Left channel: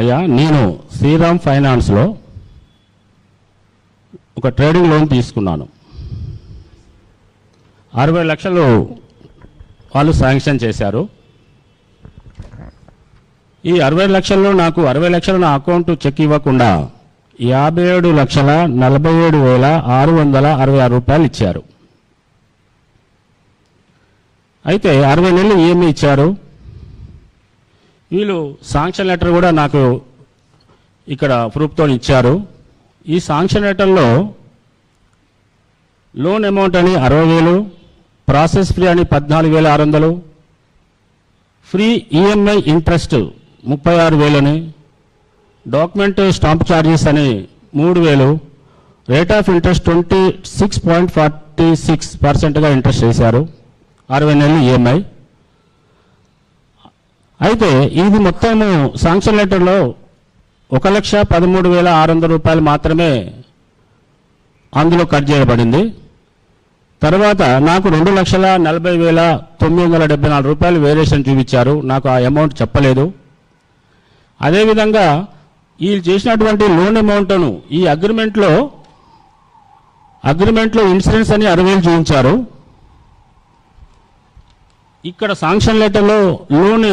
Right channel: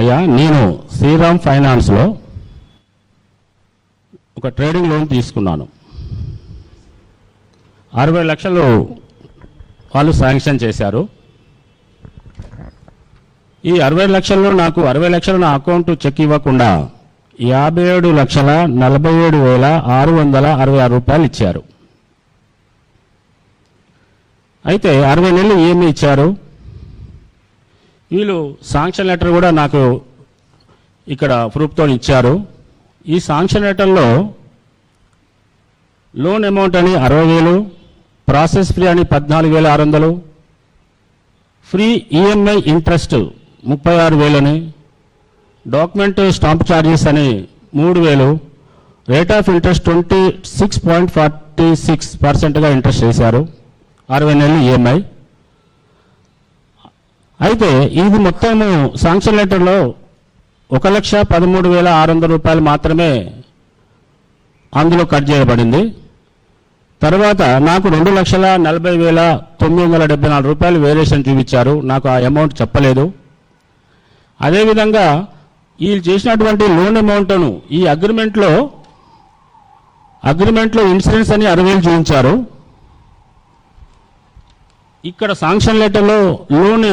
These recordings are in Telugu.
అయ్యా, నేను శ్రీరామ్ ఫైనాన్స్లో ఒక ట్రేడింగ్ లోన్ తీసుకున్నాను. 60 లక్షలు వాళ్ళు శాంక్షన్ చేశారు. ఈ 60 లక్షల్లో నాకు 60 లక్షలు నా అకౌంట్ చెక్ ఇవ్వకుండా 57,47,666 రూపాయలు ఇచ్చారు. అయితే 60 నెలలు ఏమి ఇచ్చారు. వీళ్ళు శాంక్షన్ లెటర్ కూడా నాకు ఇక్కడ ప్రూఫ్తో ఇచ్చారు. ఈ శాంక్షన్ లెటర్లో లోన్ అమౌంట్ అని 60,000, ప్రాసెస్ ఫీ అని 14,600, ఫ్రీ ఈఎంఐ ఇంట్రెస్ట్ 36,000 అని, డాక్యుమెంట్ స్టాంప్ ఛార్జెస్ అని 3,000, రేట్ ఆఫ్ ఇంట్రెస్ట్ 26.46%గా ఇంట్రెస్ట్ చేశారు. 60 నెలలు ఈఎంఐ. అయితే ఇది మొత్తము శాంక్షన్ లెటర్లో 1,13,600 రూపాయలు మాత్రమే అందులో కట్ చేయబడింది. తర్వాత నాకు 2,40,974 రూపాయలు వేరియేషన్ చూపించారు. నాకు ఆ అమౌంట్ చెప్పలేదు. అదేవిధంగా వీళ్ళు చేసినటువంటి లోన్ అమౌంట్ను ఈ అగ్రిమెంట్లో ఇన్సూరెన్స్ అని 60,000 చూపించారు. ఇక్కడ శాంక్షన్ లెటర్లో లోన్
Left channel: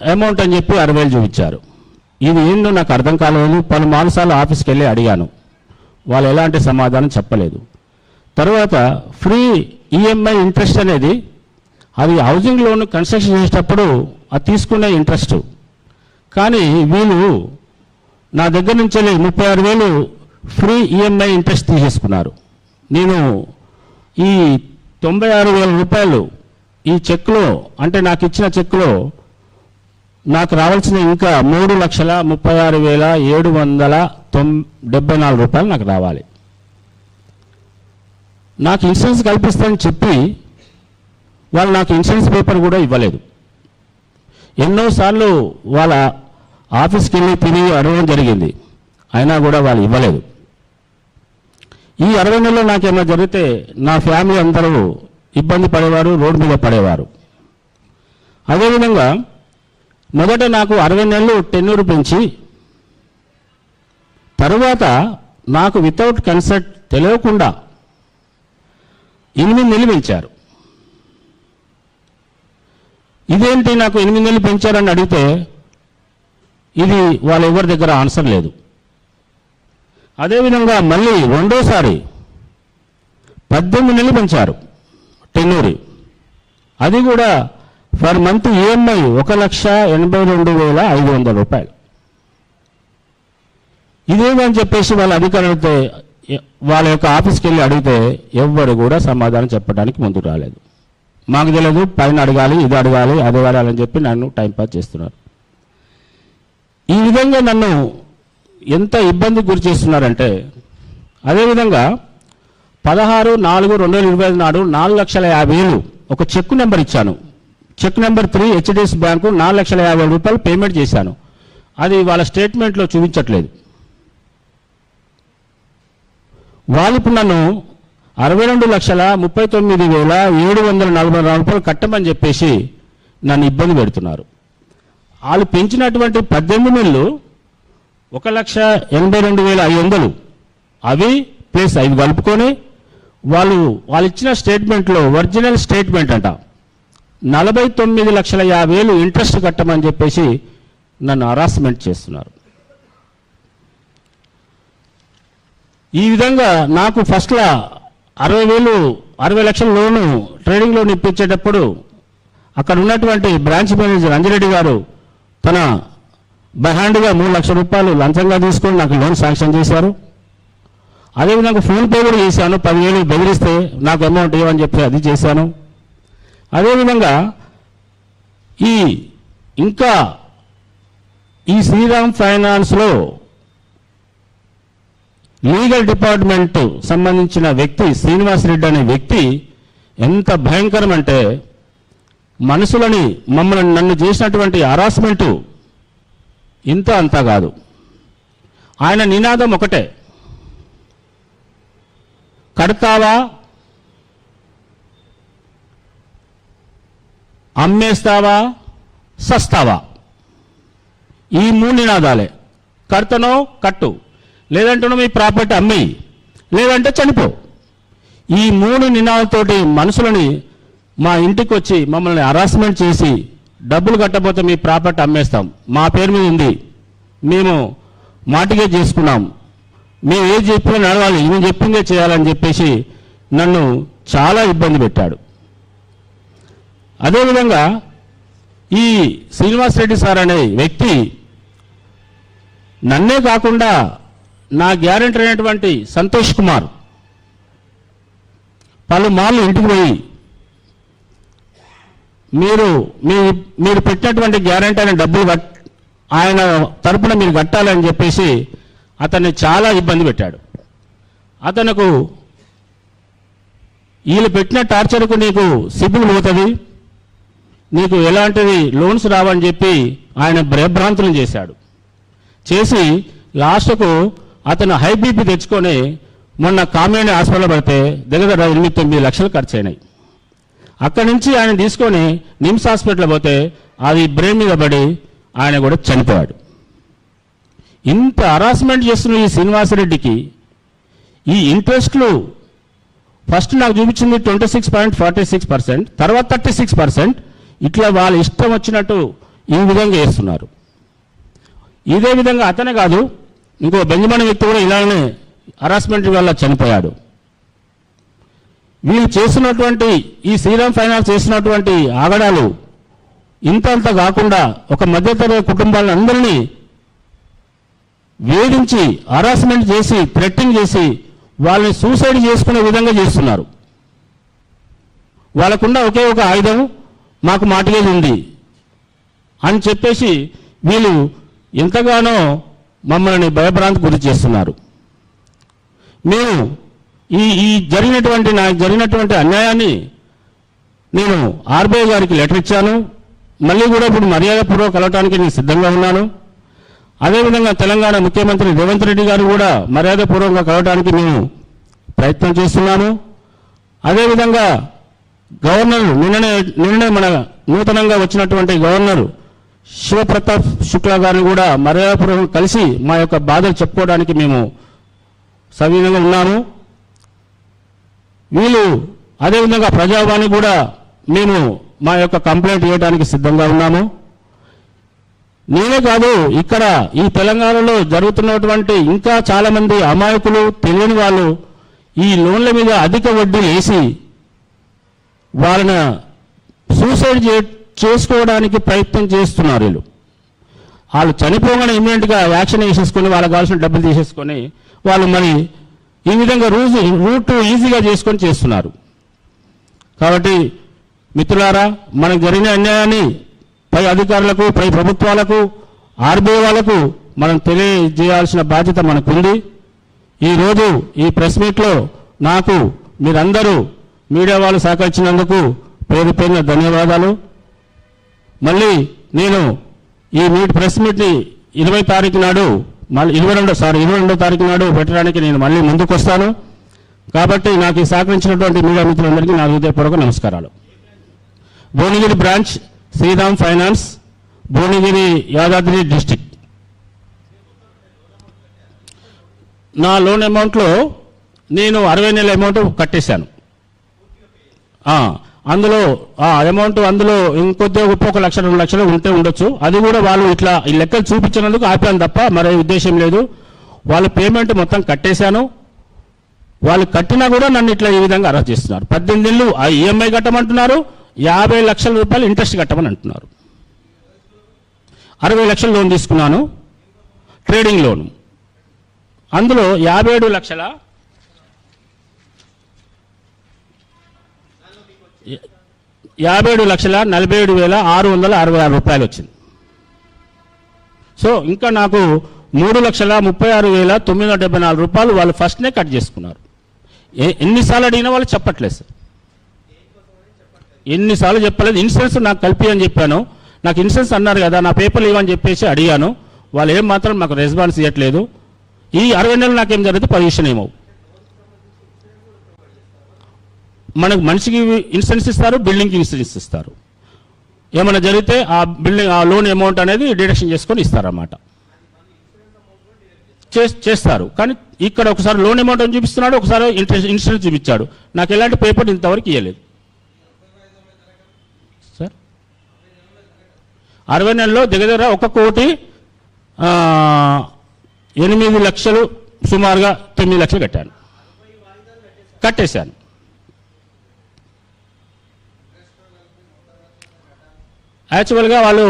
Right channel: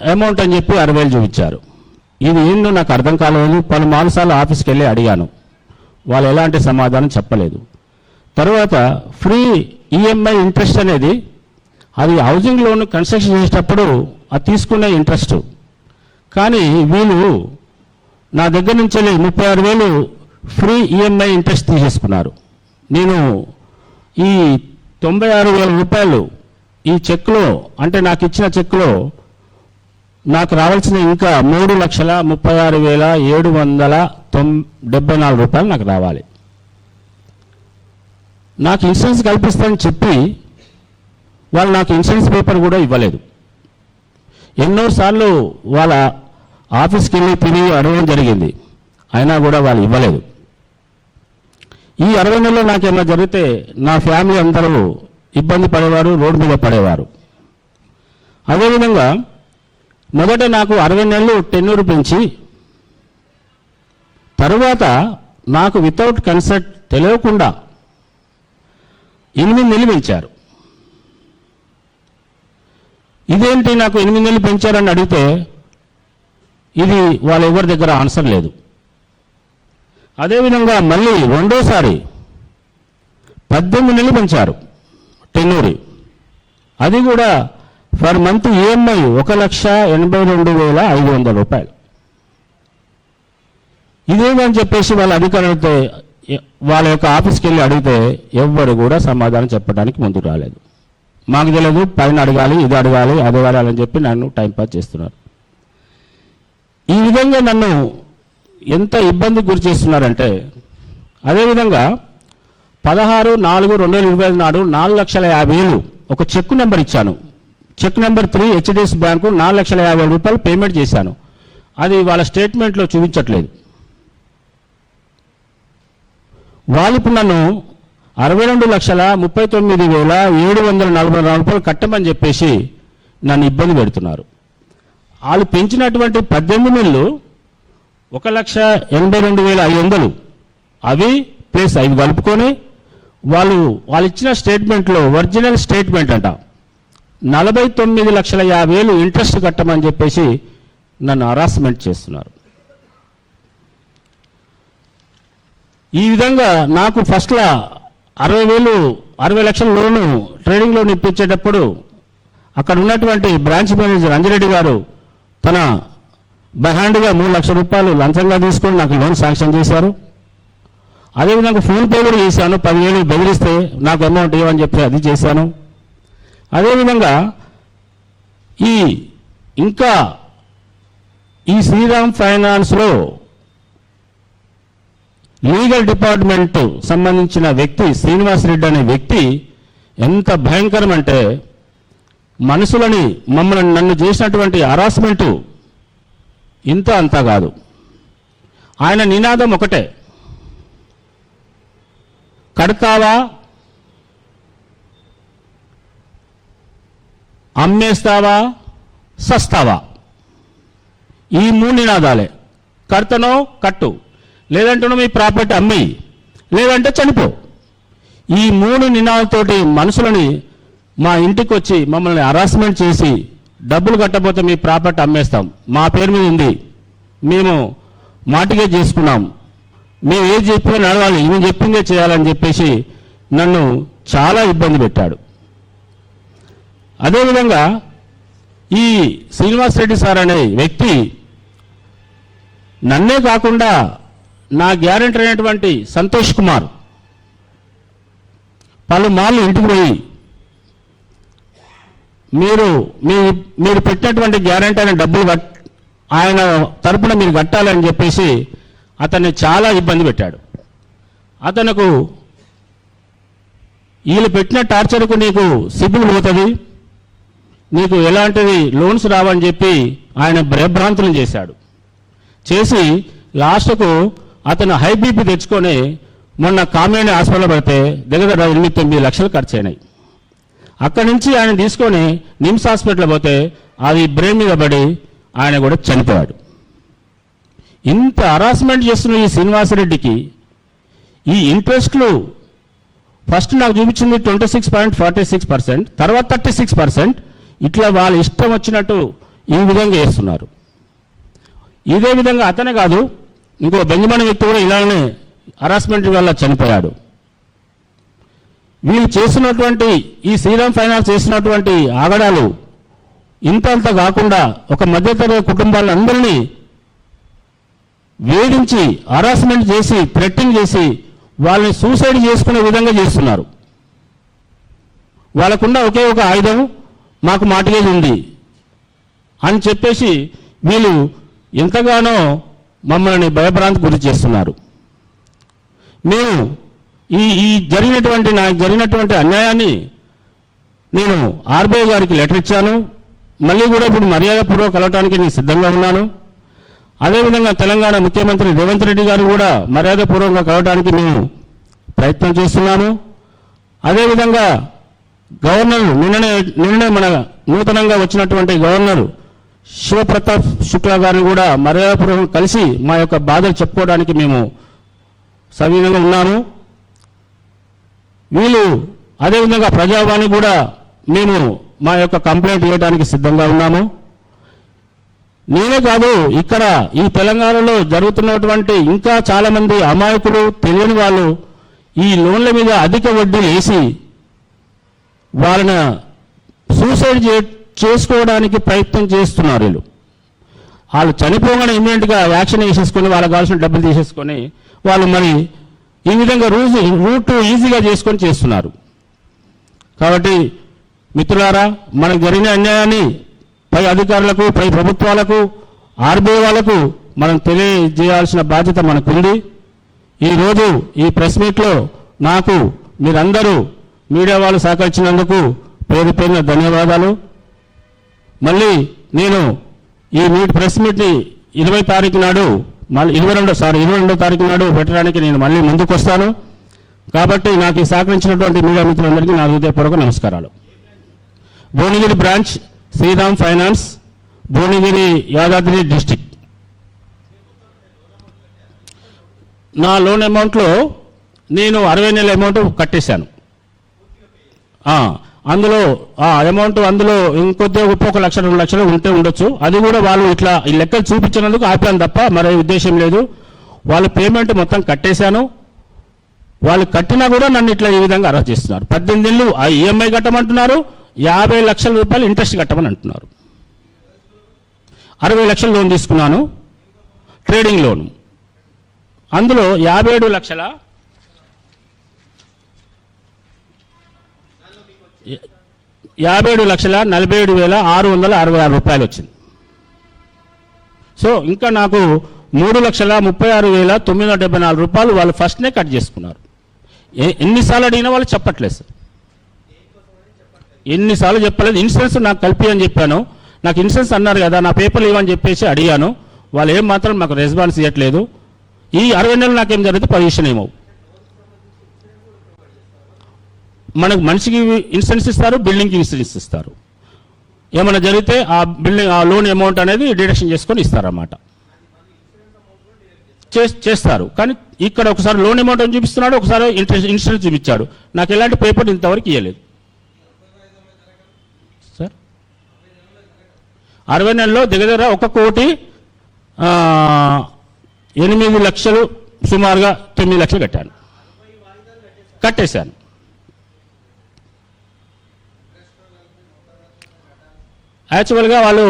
అమౌంట్ అని చెప్పి 60,000 చూపించారు. ఇది ఏంటో నాకు అర్థం కాలేదు. పలు సార్లు ఆఫీస్కి వెళ్ళి అడిగాను. వాళ్ళు ఎలాంటి సమాధానం చెప్పలేదు. తర్వాత ఫ్రీ ఈఎంఐ ఇంట్రెస్ట్ అనేది అది హౌసింగ్ లోన్ కన్స్ట్రక్షన్ చేసేటప్పుడు అది తీసుకునే ఇంట్రెస్ట్. కానీ వీళ్ళు నా దగ్గర నుంచి 36,000 ఫ్రీ ఈఎంఐ ఇంట్రెస్ట్ తీసేసుకున్నారు. నేను ఈ 96,000 రూపాయలు ఈ చెక్లో, అంటే నాకు ఇచ్చిన చెక్లో నాకు రావాల్సిన ఇంకా 3,36,774 రూపాయలు నాకు రావాలి. నాకు ఇన్సూరెన్స్ కల్పిస్తానని చెప్పి వాళ్ళు నాకు ఇన్సూరెన్స్ పేపర్ కూడా ఇవ్వలేదు. ఎన్నోసార్లు వాళ్ళ ఆఫీస్కి వెళ్ళి తిరిగి అడగడం జరిగింది. అయినా కూడా వాళ్ళు ఇవ్వలేదు. ఈ 60 నెలల్లో నాకేమైనా జరిగితే నా ఫ్యామిలీ అందరూ ఇబ్బంది పడేవారు, రోడ్డు మీద పడేవారు. అదేవిధంగా మొదట నాకు 60 నెలలు టెన్యూర్ పెంచి తరువాత నాకు వితౌట్ కన్సెంట్ తెలియకుండా 8 నెలలు పెంచారు. ఇదేంటి నాకు 8 నెలలు పెంచారని అడిగితే ఇది వాళ్ళ ఎవరి దగ్గర ఆన్సర్ లేదు. అదేవిధంగా మళ్ళీ రెండోసారి 18 నెలలు పెంచారు టెన్యూర్. అది కూడా పర్ మంత్ ఈఎంఐ 1,82,500 రూపాయలు. ఇదేమని చెప్పేసి వాళ్ళ అధికారులతో వాళ్ళ యొక్క ఆఫీస్కి వెళ్ళి అడిగితే ఎవ్వరు కూడా సమాధానం చెప్పడానికి ముందుకు రాలేదు. మాకు తెలియదు, పైన అడగాలి, ఇది అడగాలి, అది అడగాలి అని చెప్పి నన్ను టైంపాస్ చేస్తున్నారు. ఈ విధంగా నన్ను ఎంత ఇబ్బందికి గురి చేస్తున్నారంటే, అదేవిధంగా 16/4/2025 నాడు 4,50,000 ఒక చెక్ నెంబర్ ఇచ్చాను. చెక్ నెంబర్ 3 హెచ్డిఎఫ్సి బ్యాంకు 4,50,000 రూపాయలు పేమెంట్ చేశాను. అది వాళ్ళ స్టేట్మెంట్లో చూపించట్లేదు. వాళ్ళు ఇప్పుడు నన్ను 62,39,744 రూపాయలు కట్టమని చెప్పేసి నన్ను ఇబ్బంది పెడుతున్నారు. వాళ్ళు పెంచినటువంటి 18 నెలలు 1,82,500 అవి ప్లస్ అవి కలుపుకొని వాళ్ళు ఇచ్చిన స్టేట్మెంట్లో ఒరిజినల్ స్టేట్మెంట్ అంట 49,50,000 ఇంట్రెస్ట్ కట్టమని చెప్పేసి నన్ను హరాస్మెంట్ చేస్తున్నారు. ఈ విధంగా నాకు ఫస్ట్లో 60 లక్షల లోను ట్రేడింగ్ లోన్ ఇప్పించేటప్పుడు అక్కడ ఉన్నటువంటి బ్రాంచ్ మేనేజర్ అంజిరెడ్డి గారు తన బైహ్యాండ్గా 3 లక్షల రూపాయలు లంచంగా తీసుకొని నాకు లోన్ శాంక్షన్ చేశారు. అదేవిధంగా ఫోన్ పే కూడా చేశాను. 10,000 బెదిరిస్తే నాకు అమౌంట్ ఇవ్వని చెప్పి అది చేశాను. అదేవిధంగా ఇంకా ఈ శ్రీరామ్ ఫైనాన్స్లో లీగల్ డిపార్ట్మెంట్ సంబంధించిన వ్యక్తి శ్రీనివాస్ రెడ్డి అనే వ్యక్తి ఎంత భయంకరం అంటే, నన్ను చేసినటువంటి హరాస్మెంట్ ఇంత అంతా కాదు. ఆయన నినాదం ఒకటే, కడతావా, అమ్మేస్తావా, సస్తావా. ఈ 3 నినాదాలే. కర్తను కట్టు, లేదంటే మీ ప్రాపర్టీ అమ్మి, లేదంటే చనిపో. ఈ 3 నినాదాలతోటి మనుషులని మా ఇంటికి వచ్చి మమ్మల్ని హరాస్మెంట్ చేసి డబ్బులు కట్టబోతే మీ ప్రాపర్టీ అమ్మేస్తాం, మా పేరు మీద ఉంది, మేము మాటిగే చేసుకున్నాం, మేము ఏది చెప్పినా నడవాలి, ఇవి చెప్పిందే చేయాలని చెప్పేసి నన్ను చాలా ఇబ్బంది పెట్టాడు. అదేవిధంగా ఈ శ్రీనివాస్ రెడ్డి సార్ అనే వ్యక్తి నన్నే కాకుండా నా గ్యారెంటీ అయినటువంటి సంతోష్ కుమార్ పలుమార్లు ఇంటికి పోయి మీరు పెట్టేటువంటి గ్యారెంటీ అయిన డబ్బులు ఆయన తరపున మీరు కట్టాలని చెప్పేసి అతన్ని చాలా ఇబ్బంది పెట్టాడు. అతనుకు వీళ్ళు పెట్టిన టార్చర్కు నీకు సిబ్బులు పోతుంది, నీకు ఎలాంటివి లోన్స్ రావని చెప్పి ఆయన భయభ్రాంతులను చేశాడు. చేసి లాస్ట్కు అతను హై బీపీ తెచ్చుకొని మొన్న కామినేని హాస్పిటల్లో పడితే దగ్గర 8-9 లక్షలు ఖర్చు అయినాయి. అక్కడి నుంచి ఆయన తీసుకొని నిమ్స్ హాస్పిటల్ పోతే అది బ్రెయిన్ మీద పడి ఆయన కూడా చనిపోయాడు. ఇంత హరాస్మెంట్ చేస్తున్న ఈ శ్రీనివాసరెడ్డికి ఈ ఇంట్రెస్ట్లు ఫస్ట్ నాకు చూపించింది 26.46%, తర్వాత 36%. ఇట్లా వాళ్ళ ఇష్టం వచ్చినట్టు ఈ విధంగా చేస్తున్నారు. ఇదే విధంగా అతనే కాదు, ఇంకో బెంజమిన్ వ్యక్తి కూడా ఇలానే హరాస్మెంట్ వల్ల చనిపోయాడు. వీళ్ళు చేసినటువంటి ఈ శ్రీరామ్ ఫైనాన్స్ చేసినటువంటి ఆగడాలు ఇంతంత కాకుండా ఒక మధ్యతరగతి కుటుంబాలందరినీ వేధించి హరాస్మెంట్ చేసి థ్రెట్టింగ్ చేసి వాళ్ళని సూసైడ్ చేసుకునే విధంగా చేస్తున్నారు. వాళ్ళకున్న ఒకే ఒక ఆయుధం మాకు మాటలేదు ఉంది అని చెప్పేసి వీళ్ళు ఎంతగానో మమ్మల్ని భయభ్రాంతి గురి చేస్తున్నారు. మేము ఈ జరిగినటువంటి అన్యాయాన్ని నేను ఆర్బీఐ గారికి లెటర్ ఇచ్చాను. మళ్ళీ కూడా ఇప్పుడు మర్యాదపూర్వక కలవటానికి నేను సిద్ధంగా ఉన్నాను. అదేవిధంగా తెలంగాణ ముఖ్యమంత్రి రేవంత్ రెడ్డి గారు కూడా మర్యాదపూర్వకంగా కలవటానికి మేము ప్రయత్నం చేస్తున్నాము. అదేవిధంగా గవర్నర్ నిన్ననే మన నూతనంగా వచ్చినటువంటి గవర్నర్ శివప్రతాప్ శుక్లా గారిని కూడా మర్యాదపూర్వకంగా కలిసి మా యొక్క బాధలు చెప్పుకోవడానికి మేము సవినంగా ఉన్నాము. వీళ్ళు అదేవిధంగా ప్రజావాణి కూడా మేము మా యొక్క కంప్లైంట్ ఇవ్వడానికి సిద్ధంగా ఉన్నాము. నేనే కాదు, ఇక్కడ ఈ తెలంగాణలో జరుగుతున్నటువంటి ఇంకా చాలా మంది అమాయకులు తెలియని వాళ్ళు ఈ లోన్ల మీద అధిక వడ్డీ వేసి వాళ్ళని సూసైడ్ చేసుకోవడానికి ప్రయత్నం చేస్తున్నారు. వాళ్ళు చనిపోగానే ఇమ్మీడియట్గా యాక్షన్ వేసేసుకొని వాళ్ళకి కావాల్సిన డబ్బులు తీసేసుకొని వాళ్ళు మరి ఈ విధంగా రూట్ ఈజీగా చేసుకొని చేస్తున్నారు. కాబట్టి మిత్రులారా, మనకు జరిగిన అన్యాయాన్ని పై అధికారులకు, పై ప్రభుత్వాలకు, ఆర్బీఐ వాళ్లకు మనం తెలియజేయాల్సిన బాధ్యత మనకుంది. ఈరోజు ఈ ప్రెస్ మీట్లో నాకు మీరందరూ మీడియా వాళ్ళు సహకరించినందుకు పేరు పేరున ధన్యవాదాలు. మళ్ళీ నేను ఈ ప్రెస్ మీట్ని 20 తారీఖు నాడు 22 తారీఖు నాడు పెట్టడానికి నేను మళ్ళీ ముందుకు వస్తాను. కాబట్టి నాకు ఈ సహకరించినటువంటి మీడియా మిత్రులందరికీ నా హృదయపూర్వక నమస్కారాలు. Bhuvanagiri branch Shriram finance, Bhuvanagiri, Yadadri district. నా లోన్ అమౌంట్లో నేను 60 నెలల అమౌంట్ కట్టేశాను. అందులో అమౌంట్ అందులో ఇంకొద్ది 1 లక్ష 2 లక్షలు ఉంటే ఉండొచ్చు. అది కూడా వాళ్ళు ఇట్లా ఈ లెక్కలు చూపించినందుకు ఆపాను తప్ప మరో ఉద్దేశం లేదు. వాళ్ళ పేమెంట్ మొత్తం కట్టేశాను. వాళ్ళు కట్టినా కూడా నన్ను ఇట్లా ఈ విధంగా అరెస్ట్ చేస్తున్నారు. 18 ఏళ్ళు ఈఎంఐ కట్టమంటున్నారు, 50 లక్షల రూపాయలు ఇంట్రెస్ట్ కట్టమని అంటున్నారు. 60 లక్షలు లోన్ తీసుకున్నాను, ట్రేడింగ్ లోన్. అందులో 57 లక్షల 47,47,666 రూపాయలు వచ్చింది. సో ఇంకా నాకు 3,36,974 రూపాయలు వాళ్ళు ఫస్ట్నే కట్ చేసుకున్నారు. ఎన్నిసార్లు అడిగినా వాళ్ళు చెప్పట్లేదు సార్, ఎన్నిసార్లు చెప్పలేదు. ఇన్సూరెన్స్ నాకు కలిపి అని చెప్పాను. నాకు ఇన్సూరెన్స్ అన్నారు కదా, నా పేపర్లు ఇవ్వని చెప్పేసి అడిగాను. వాళ్ళు ఏం మాత్రం నాకు రెస్పాన్స్ ఇవ్వట్లేదు. ఈ 60 నెలలు నాకేం జరిగితే పొజిషన్ ఏమో. మనకు మనిషికి ఇన్సూరెన్స్ ఇస్తారు, బిల్డింగ్కి ఇన్సూరెన్స్ ఇస్తారు. ఏమైనా జరిగితే ఆ బిల్డింగ్ ఆ లోన్ అమౌంట్ అనేది డిడక్షన్ చేసుకొని ఇస్తారన్నమాట. చేస్తారు. కానీ ఇక్కడ ఒకసారి లోన్ అమౌంట్ అని చూపిస్తున్నాడు, ఒకసారి ఇన్సూరెన్స్ చూపించాడు. నాకు ఎలాంటి పేపర్ ఇంతవరకు ఇవ్వలేదు సార్. 60 నెలల్లో దగ్గర 1,08,00,000 సుమారుగా 9 లక్షలు కట్టేశాను. యాక్చువల్గా వాళ్ళు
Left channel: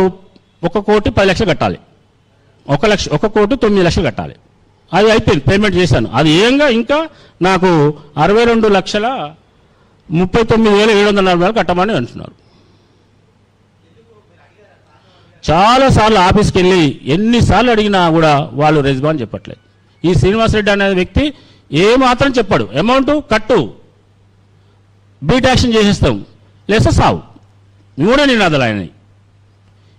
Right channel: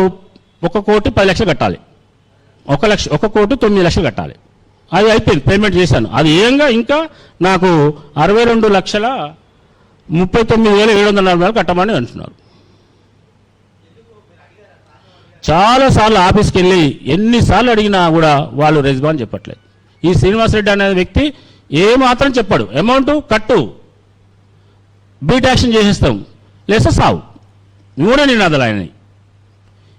1,10,00,000 కట్టాలి, 1,09,00,000 కట్టాలి. అది అయిపోయింది, పేమెంట్ చేశాను. అది ఏంగా ఇంకా నాకు 62,39,740 కట్టమని అంటున్నారు. చాలా సార్లు ఆఫీస్కి వెళ్ళి ఎన్నిసార్లు అడిగినా కూడా వాళ్ళు రెస్పాన్స్ చెప్పట్లేదు. ఈ శ్రీనివాసరెడ్డి అనే వ్యక్తి ఏమాత్రం చెప్పాడు, అమౌంట్ కట్టు, బీట్ యాక్షన్ చేసేస్తాం, లేసే సావు, 3 నినాదాలు ఆయన.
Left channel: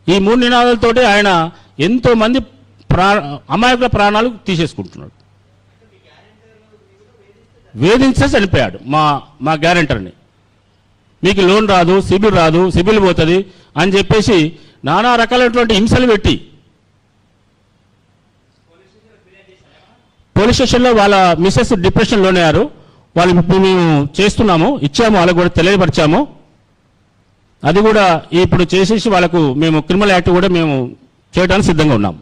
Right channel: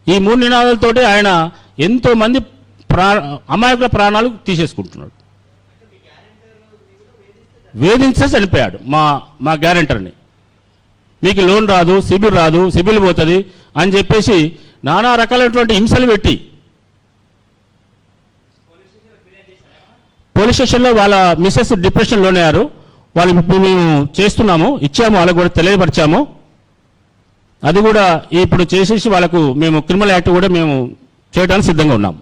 ఈ 3 నినాదాలతోటి ఆయన ఎంతో మంది అమాయకుల ప్రాణాలు తీసేసుకుంటున్నాడు. వేధించే చనిపోయాడు మా గ్యారెంటర్ని. మీకు లోన్ రాదు, సిబిల్ పోతుంది అని చెప్పేసి నానా రకాలైనటువంటి హింసలు పెట్టి పోలీస్ స్టేషన్లో వాళ్ళ మిస్సెస్ డిప్రెషన్ లోనయ్యారు. వాళ్ళు ఇప్పుడు మేము చేస్తున్నాము, ఇచ్చాము, వాళ్ళకు కూడా తెలియపరిచాము. అది కూడా ఇప్పుడు చేసేసి వాళ్ళకు మేము క్రిమినల్ యాక్ట్ కూడా మేము చేయడానికి సిద్ధంగా ఉన్నాం.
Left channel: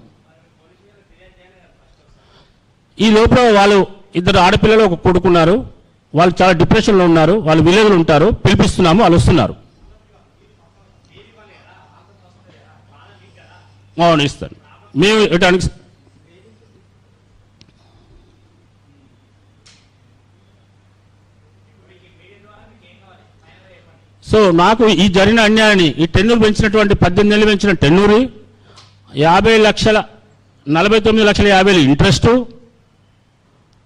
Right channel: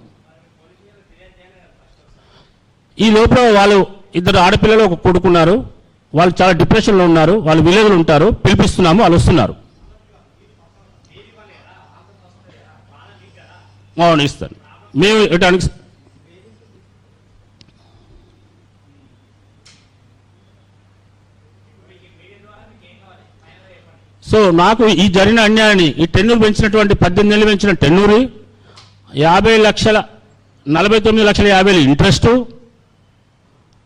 ఈ లోపల వాళ్ళు 2 ఆడపిల్లలు ఒక కొడుకున్నారు. వాళ్ళు చాలా డిప్రెషన్లో ఉన్నారు. వాళ్ళు విలేజ్లో ఉంటారు. పిలిపిస్తున్నాము, వాళ్ళు వస్తున్నారు. అవును, ఇస్తాను. మేము ఇవ్వడానికి సో నాకు ఈ జరిగిన అన్యాయాన్ని, ఈ టెన్యూర్ పెంచినటువంటి 18 నెలలు పెంచిన టెన్యూరు, 49,50,000 ఇంట్రెస్టు,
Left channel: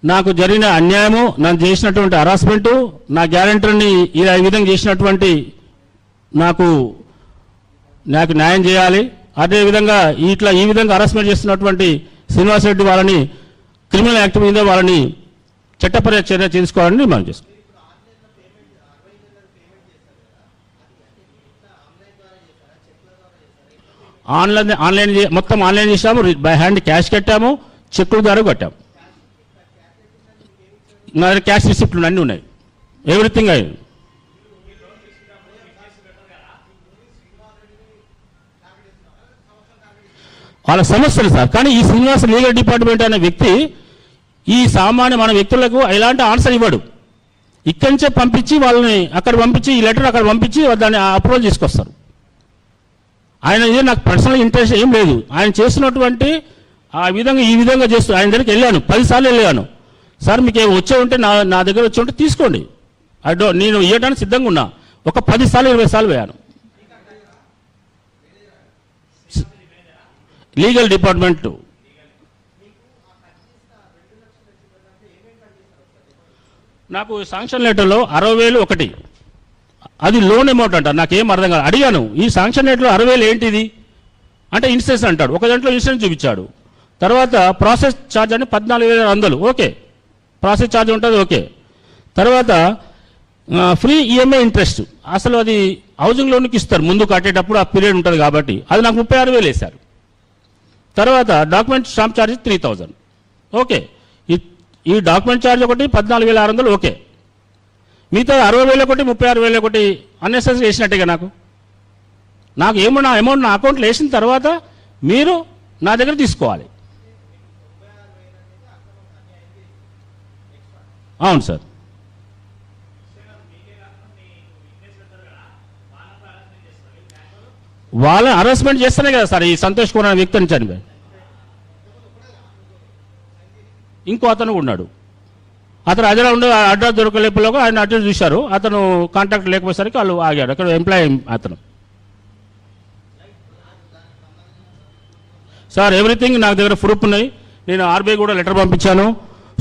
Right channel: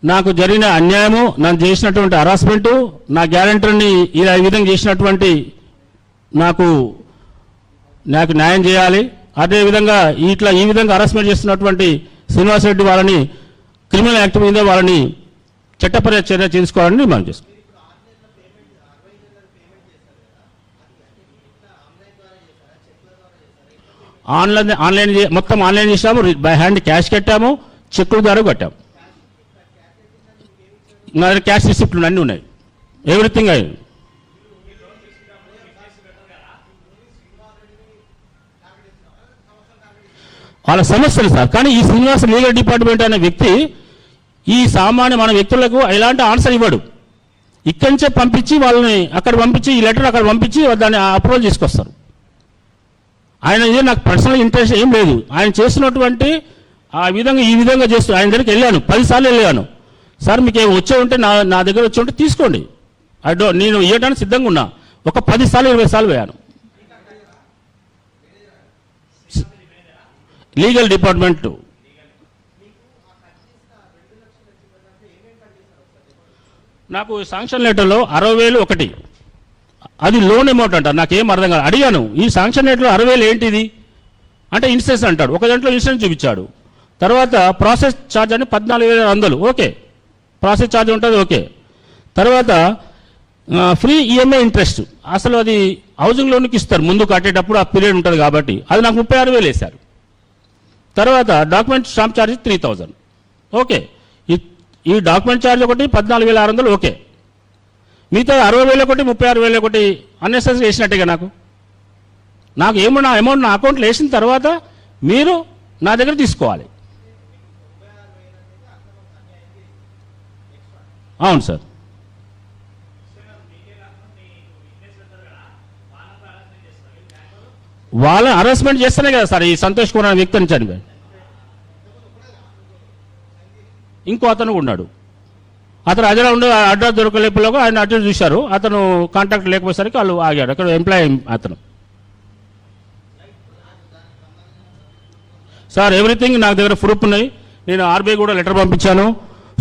నాకు జరిగిన అన్యాయము, నన్ను చేసినటువంటి హరాస్మెంటు, నా గ్యారెంటర్ని ఈ విధంగా చేసినటువంటి నాకు న్యాయం చేయాలి. అదేవిధంగా ఈ విధంగా హరాస్మెంట్ చేస్తున్నటువంటి శ్రీనివాసరెడ్డి వాళ్ళని క్రిమినల్ యాక్ట్ మీద వాళ్ళని చట్టపరమైన చర్య తీసుకోవాలని మనం చేస్తాం. ఆన్లైన్ మొత్తం ఆన్లైన్ చేసాము, బై హ్యాండ్ క్యాష్ కట్టాము, చెక్కుల ద్వారా కట్టాము. నా దగ్గర క్యాష్ రిసిప్ట్లు అన్నీ ఉన్నాయి, ఎవ్రీథింగ్ అయ్యింది. వాళ్ళ సమస్యలు సార్. కానీ ఈ శ్రీనివాస లీగల్ డిపార్ట్మెంట్ అనే వ్యక్తి ఈ సామాన్య మన వ్యక్తులకు ఎలాంటి ఆన్సర్ ఇవ్వడు. ఇక్కడి నుంచే పంపించి వాళ్ళని అక్కడ పంపించి, ఈ లెటర్ అక్కడ పంపించి దాన్ని అప్రూవల్ తీసుకొస్తారు. ఆయన నాకు పర్సనల్ ఇంట్రెస్ట్ ఏం లేదు. ఆయన చేసినటువంటి ఆ విధంగా ఈ విధంగా చేస్తూ ఆయన దగ్గరికి వెళ్ళాను, 10 సార్లు వెళ్ళాను. సార్ మీకు వచ్చే ఉంటే నా దగ్గర వచ్చి ఉంటే తీసుకోండి, నేను ఇవ్వడానికి సిద్ధంగా ఉన్నా. ఒక 10 సార్లు 20 సార్లు వేయాను. లీగల్ డిపార్ట్మెంట్ నాకు శాంక్షన్ లెటర్లో 60,000 ఒకటి, అది లోన్ అమౌంట్ అంటారు. నాకేం అర్థం కాదు. అడిగాను, ఈ శాంక్షన్ లెటర్లో 60,000 ఏంటిది అంటే ఇన్సూరెన్స్ అంటాడు. ఒక దాంట్లో ఇన్సూరెన్స్ చూపించాడు. తర్వాత ప్రాసెస్ ఛార్జ్ అంటే 14,100, ఓకే, ప్రాసెస్ ఛార్జ్ ఉంటుంది, ఓకే. తర్వాత ఫ్రీ ఈఎంఐ ఇంట్రెస్ట్, అసలు అది హౌసింగ్ లోన్కి ఇస్తారు ముందు కట్టేటప్పుడు, ఆ పీరియడ్ ఉంటుంది కాబట్టి. అది నాకు 36,000 వేశారు. తర్వాత డాక్యుమెంట్ స్టాంప్ ఛార్జ్ 3,000, ఓకే. ఈ డాక్యుమెంట్ ఛార్జ్ ఒకటి 14,600, ఓకే. మిగతా 60,000 ఒకటి 36,000 ఒకటి అన్నెసెసరీ వేసినట్టుగా నాకు ఏమన్నా అమౌంట్ నా అకౌంట్లో వేసిన తర్వాత మీరు నా దగ్గర తీసుకోవాలి. అవును సార్. వాళ్ళ హరాస్మెంట్ చేస్తేనే కదా సార్ ఈ సంతోష్ కుమార్ అనే వ్యక్తిని చనిపోయాడు. ఇంకో అతను ఉన్నాడు. అతను అదే ఉండి అడ్రస్ దొరకలేపులోగా ఆయన అడ్రస్ చూశారు. అతను కాంటాక్ట్ లేకపోయేసరికి వాళ్ళు ఆగాడు. అక్కడ ఎంప్లాయీ అతను. సార్ ఎవ్రీథింగ్ నాకు దగ్గర ప్రూఫ్ ఉన్నాయి. నేను ఆర్బీఐ కూడా లెటర్ పంపించాను.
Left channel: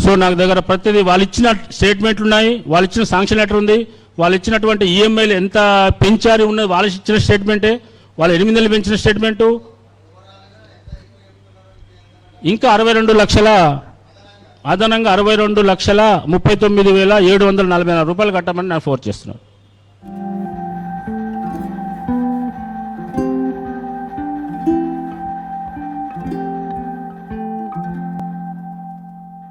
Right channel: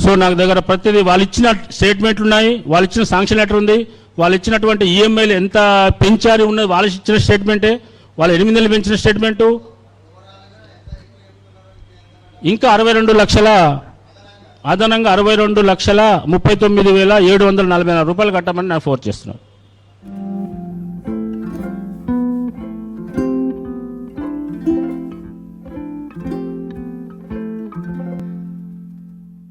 సో నాకు దగ్గర ప్రతిదీ వాళ్ళు ఇచ్చిన స్టేట్మెంట్లు ఉన్నాయి, వాళ్ళు ఇచ్చిన శాంక్షన్ లెటర్ ఉంది, వాళ్ళు ఇచ్చినటువంటి ఈఎంఐలు ఎంత పెంచారు ఉన్నది వాళ్ళు ఇచ్చిన స్టేట్మెంటే, వాళ్ళు 8 నెలలు పెంచిన స్టేట్మెంటు, ఇంకా 62 లక్షల అదనంగా 62,39,744 రూపాయలు కట్టమని నేను ఫోర్స్ చేస్తున్నాను.